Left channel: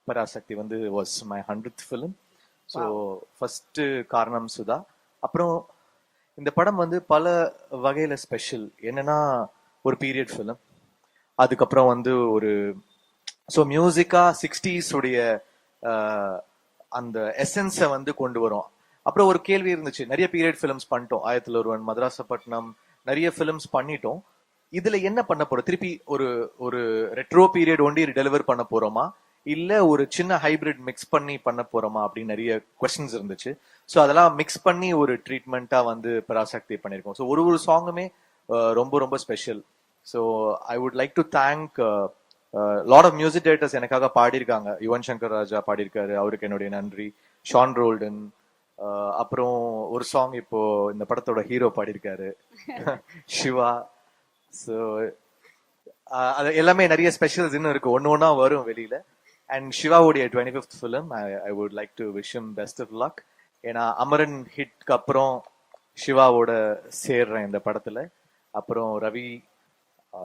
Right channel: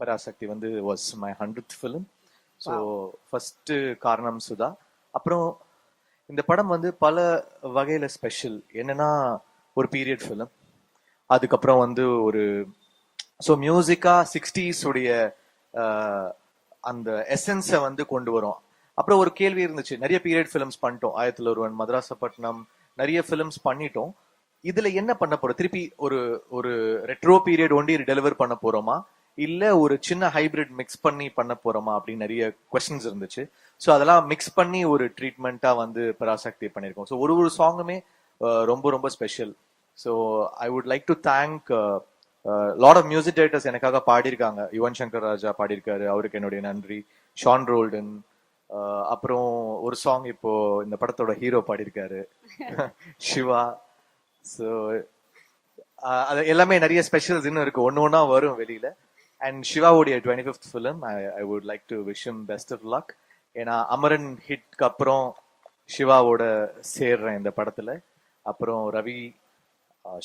பராசக்தி வந்து was my 100th film. So first காரணம் சுதா. அப்புறம் இந்த படம் வந்து பல வகையில ஸ்பெஷல். என்னன்னா ஒரு பீரியட் ஃபிலிம், அதுக்கப்புறம் வந்து ஒரு மியூசிக்கா 60s உடைய அந்த எசன்ஸை வந்து கொண்டு வரும். அப்புறம் ஒரு கேள்வி இருந்துச்சு, நிறைய பீரியட் ஃபிலிம்ஸ் பண்ணிட்டோம், 1901 மதராசப்பட்டினம் நிறைய ஃபிலிம்ஸ் பண்ணிட்டோம், இதுல என்ன பண்ண போறோம், திருப்பி ஒரு ரெட்ரோ பீரியட் ஒன்லி டெலிவர் பண்ண போறோமா இல்ல ஒரு சின்ன ஹைபிரிட் மிக்ஸ் பண்ணி பண்ண போறோமா அப்படின்னு நிறைய क्वेश्चंस இருந்துச்சு. சோ அதெல்லாம் மிக்ஸ் பண்ணி ஒரு ட்ரீட்மெண்டா வந்து பராசக்தி பண்ணிருக்கோம். சோ ஒரு சாங்குமே ரொம்ப ரொம்ப special. So I would like to thank lot of music directors எனக்காக பாடியிருக்காங்க. யுவன் சங்கர் ராஜா பாடியிருக்காரு, அவருக்கு என்னுடைய நன்றி. ஷான் ரோல்டன், அப்புறம் ஒரு சாங் இப்போ இந்த படத்தோட ஹீரோ பாடியிருக்காரு சிவா. சோ அது எல்லாமே நிறைய ஸ்பெஷல் இருக்கு, ஒவ்வொன்றா வரும் வெளியில. And Shivaவுடைய 25th film, I would like to wish him best of luck. ஏன்னா அமரன் ஹிட்க்கு அப்புறம் சிவாவோட சேர்றேன் இந்த படத்துல. அப்புறம் ரவி,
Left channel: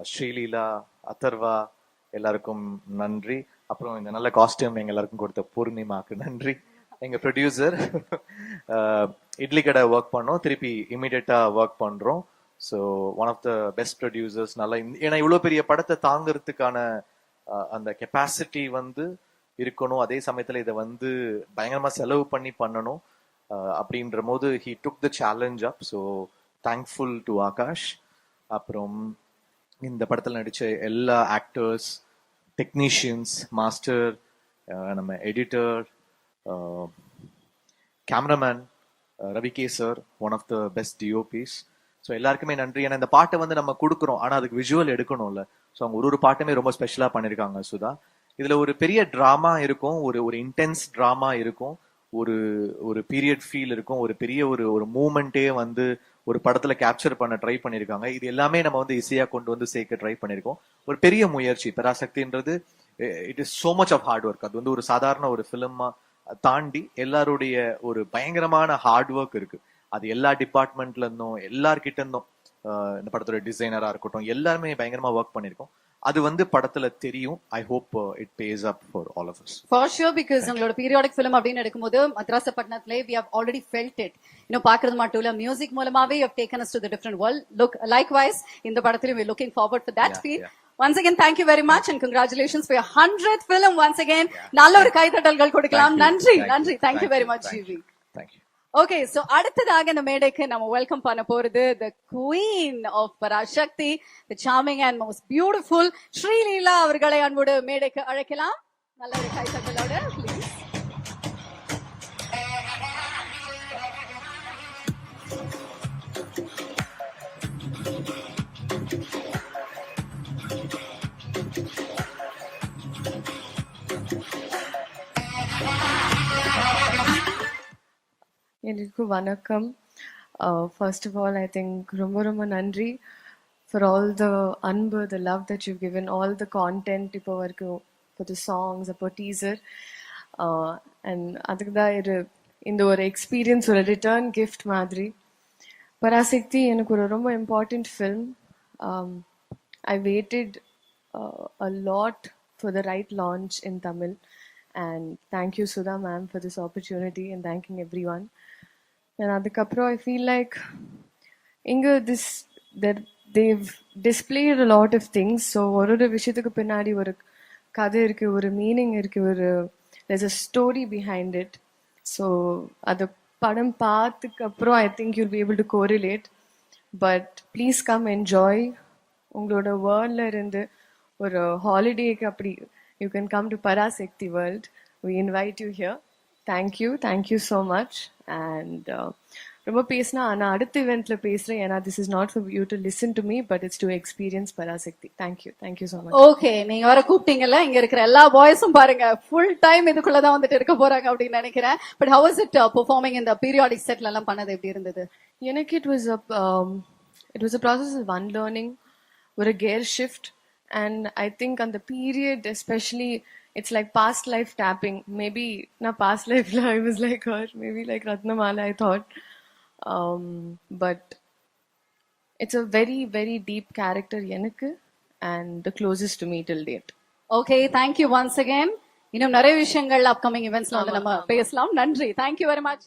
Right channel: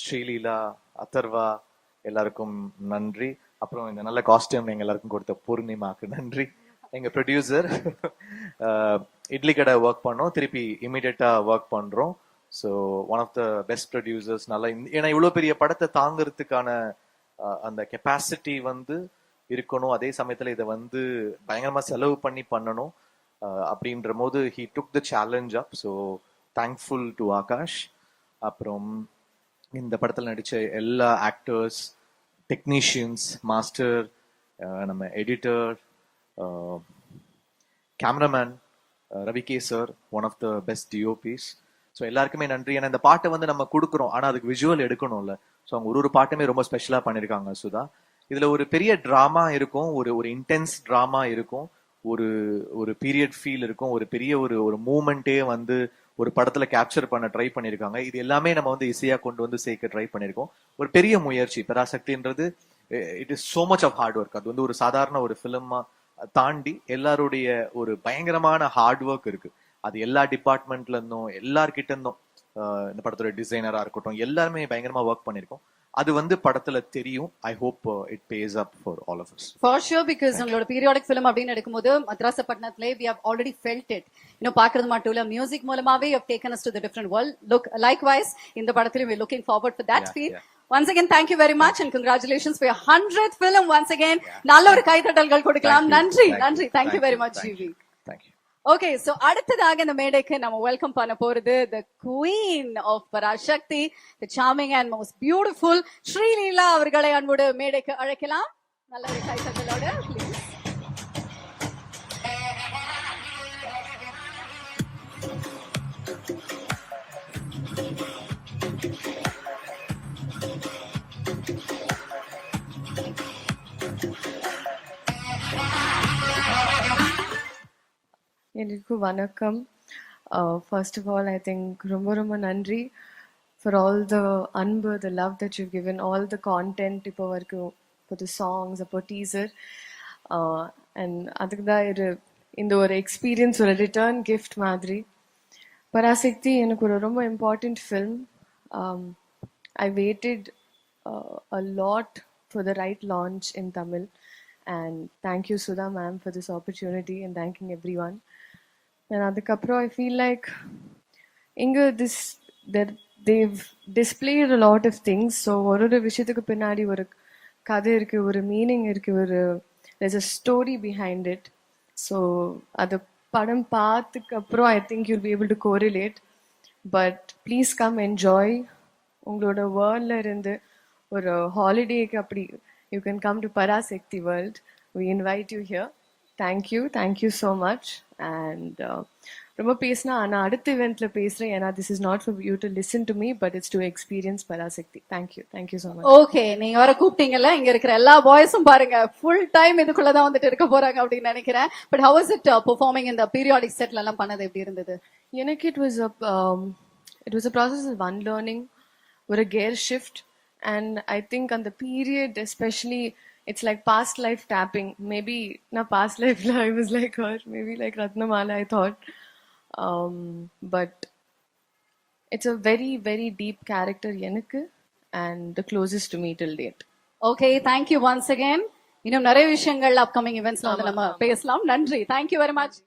ஸ்ரீலீலா, அதர்வா எல்லாருக்கும் நன்றி. அப்புறம் நல்ல காஸ்டியூம் எல்லாருக்கும் கொடுத்த பூர்ணிமாக்கு நன்றி. எங்க ப்ரொடியூசர் இட்லி கடை ஒர்க் பண்ணோம், திருப்பி இமிடியேட்டா ஒர்க் பண்றோம். So one of the best producers. நல்லா ஏன்னா இவ்வளவு பெரிய படத்தை தாங்குறதுக்கான அந்த கெபாசிட்டி வந்து இருக்கணும், அதே சமயத்துல இதை வந்து பயங்கரமா செலவு பண்ணி பண்ணணும் அப்படிங்கிற போது he took the challenge up. So thankful to Akash. அப்புறம் இந்த படத்துல நடிச்ச எல்லா ஆக்டர்ஸ், டெக்னீஷியன்ஸ், மாஸ்டர், நம்ம editor, cameraman Ravi sir, one of the best DOPs. So எல்லாருமே நன்றி. இந்த பாட்டு வந்து நம்ம கொடுக்குறோம், ஆனா அது விஷுவல் எடுக்கணும்ல. சோ ஒரு பாட்டு ரொம்ப ஸ்பெஷலா பண்ணிருக்காங்க சுதா. இதுல ஒரு பெரிய டிராமா இருக்கும், ஒரு இன்டென்ஸ் டிராமா இருக்கும், ஒரு பீரியட் ஃபீல் இருக்கும், ஒரு பெரிய ஒரு மூமெண்டே வந்து ஒரு படத்துல கேப்சர் பண்ண ட்ரை பண்ணிருக்காங்க. எல்லாமே நம்ம வந்து ஈஸியா கொண்டு வந்து சேர்க்க ட்ரை பண்ணிருக்கோம். ஒரு பெரிய முயற்சி. பராசக்தின்றது it is so much of hard work. அது ஒரு சாதாரண ஒரு ஃபிலிமா தாண்டி எல்லாருடைய ஒரு பயங்கரமான ஹார்ட் ஒர்க் இருக்கு. அது எல்லா டிபார்ட்மெண்ட்ல இருந்தும், எல்லா கிட்ட இருந்தும், படத்தோட டிசைனரா இருக்கும், எல்லாருமே பயங்கரமா ஒர்க் பண்ணிருக்கோம். அது வந்து படத்துல தெரியும். I hope it pays up for all of us. For sure, because நம்மளோட பீரியாடிக் ஃபிலிம் அப்படின்னு எடுக்கும்போது மதராசப்பட்டினத்திலே we have already felt it. இன்னும் பார்த்தது மட்டும் இல்ல, மியூசிக் மூலமாவே we have taken us to a different world. Likewise, இந்த படத்துல we are looking forward to that. Once again, thank you very much and congratulations for your 100th film once again. நல்ல ஒரு கைத்தட்டல் கொடுக்கலாம். நன்றி. Thank you very much. Thank you. Okay, so அடுத்ததாக இந்த மேடைக்கு நம்ம வெல்கம் பண்ண போறது the queen of Parashakti, the charming and most beautiful Shrila அவர்களை அன்போடு மேடைக்கு அழைக்கலாம். நல்ல கைத்தட்டலோட Vanakkam. First of all, I think ரொம்ப நன்றி for all the anbu, the love that you've given, all the content for the songs, for teaser, and அதுக்கு இந்த ஒரு எக்ஸ்பீரியன்ஸ், ஒரு ரிட்டர்ன் கிஃப்ட் மாதிரி. பராசக்தி எனக்கு ரொம்ப important film. I waited a lot for the right launch in Tamil, and thank you Sudha ma'am for this opportunity, and thank you everyone. And adukapra I feel like they've displayed a lot of things. So oru vishayathu pinnadi oru kadai irukku, oru meaning irukku, there's a story behind it. So adu padam paathadukku appo I think you'll be able to correlate. But please come enjoy. ungaloda world la irundhu oru holiday ku appadi you can come to Parasakti world. We invite you here. Thank you so much. And ரொம்ப பேசினா நான் அடுத்த eventல பேசுறேன். This is not for you to listen to me, but it's to experience Parasakti. Thank you so much. Okay, நீங்க வர கூப்பிட்டீங்கல, இங்க இருக்கிற எல்லா வாய்ஸும் பாருங்க, full time இதுக்குள்ள தான் வந்து இருக்க போறாங்க அப்படி நினைக்கிறேன். But how was it performing in the periodic set எல்லாம் பண்ணது எப்படி இருந்தது? எனக்கு it was a process of unlearning, ஒரு gear shift. And I think on the period especially, it's like past life tapping. Maybe not past life, I was like, maybe like Ratnamala I thought. But it's a very, very deep character, and the closest to me till date. Okay, thank you once again. இன்னும் நிறைய விஷயங்கள் upcoming events நம்ம பேசலாம். நன்றி. Thank you very much.